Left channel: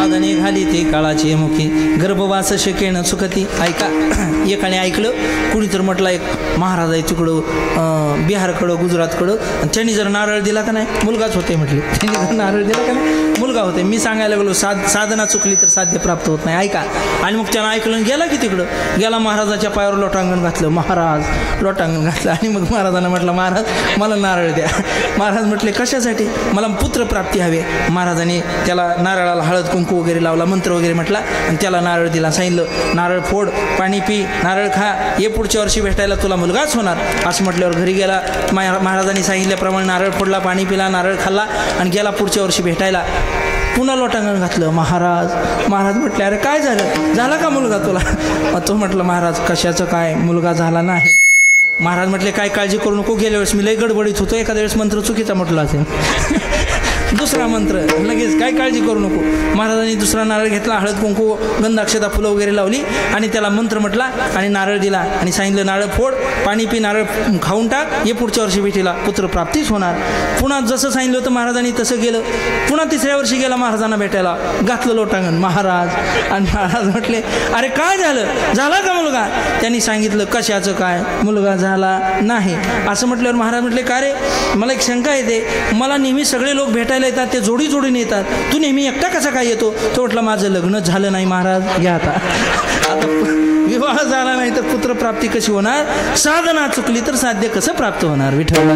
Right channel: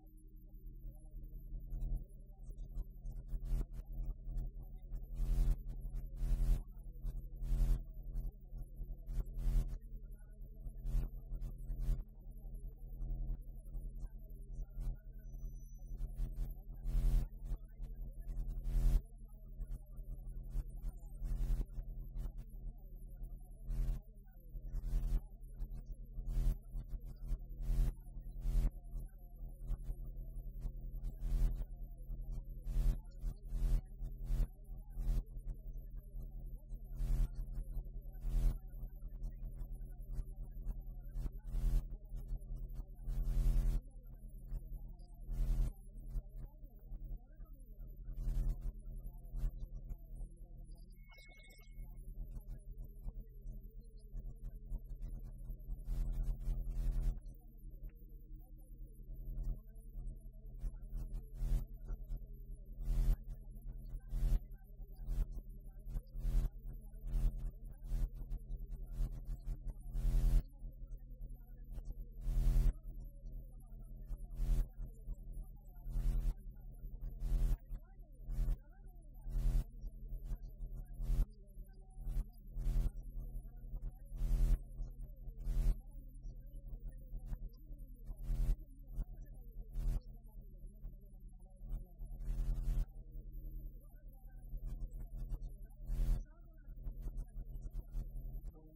साधने घाली ते काळाची मुखी गर्भवास शकेन सुखती. ऐका एकाने ऐकलं कुणी तर म्हटलं एक महाराज आहे तिकडं बिहारकडं गुजरातकडं आणि त्यांनी जर नारळ दिला का नाही मुलगाच होते म्हटले. त्यांनी जर नारळ दिला का नाही मुलगा होते. मी सांगायला लागलो साधना चुकली तर साध्य प्राप्त होत नाही. ऐका आणि मग त्यानं ऐकलं गेला की तिकडं गेला महाराजाच्या पायावर लोटांगण घातलं. महाराज लोटांगण घातलं आणि मग महाराजांना म्हटलं महाराज मला नारळ द्या. महाराज म्हटले कशासाठी? मला पुत्रप्राप्ती हवे. महाराजांनी त्याला नारळाला हळद कुंकू वगैरे लावला मंत्र वगैरे म्हटला आणि त्याला नारळ दिला. सांगितलं नारळ फोड पाणी पी नारळ खा ये पुढच्या वर्षी भेटायला तुला मुलगाच होणार. असं म्हटल्यावर घरी गेला. महाराजांनी सांगितल्याप्रमाणे नारळ फोडला पाणी पिला नारळ खाल्ला आणि गेला पुढच्या वर्षी भेटायला. पुन्हा लोटांगण घातलं. महाराज म्हटले अरे काय झाला का मुलगा तुला? तो म्हटलं महाराज कशाचं काय मुलगा झाला नाही. महाराज म्हटले काय काळजी करू नको गेल्या वेळेस मी लई गडबडीत होतो एखाद्या वेळेस मंत्र चुकीचा म्हटला असेल. दुसरा मंत्र लगेच काय काळजी करू नको. महाराजांनी दुसरा नारळ घेतला हळद कुंकू गंधाक्षता फुलं वगैरे लावली आणि त्याला मंत्र म्हटला आणि नारळ दिला आणि सांगितलं नारळ फोड पाणी पी नारळ खाऊन टाक ये पुढच्या वर्षी भेटीला पुत्रप्राप्तीच होणार. पुन्हा जसं सांगितलं होतं महाराजांनी तसं गेलं. पुन्हा तिसऱ्या वर्षी गेला महाराजांना भेटायला घातलं लोटांगण. महाराज म्हटले अरे काय झाला का मुलगा? त्यांनी सांगितलं कशाचं काय मुलगा झाला नाही. असं म्हटल्यावर महाराज म्हटले का रे मला एक शंका येते मला नेहमी सगळे लोक भेटायला येतात ते जोडी जोडीने येतात तू नेहमी एकटा कसा काय येतो? तो म्हटलं माझं लग्न झालं नाही महाराज. घ्या आता विवाह झाला नाही तर पुत्रप्राप्ती कशी होणार? साधना चुकली तर साध्य कसं प्राप्त होणार? विठ्ठल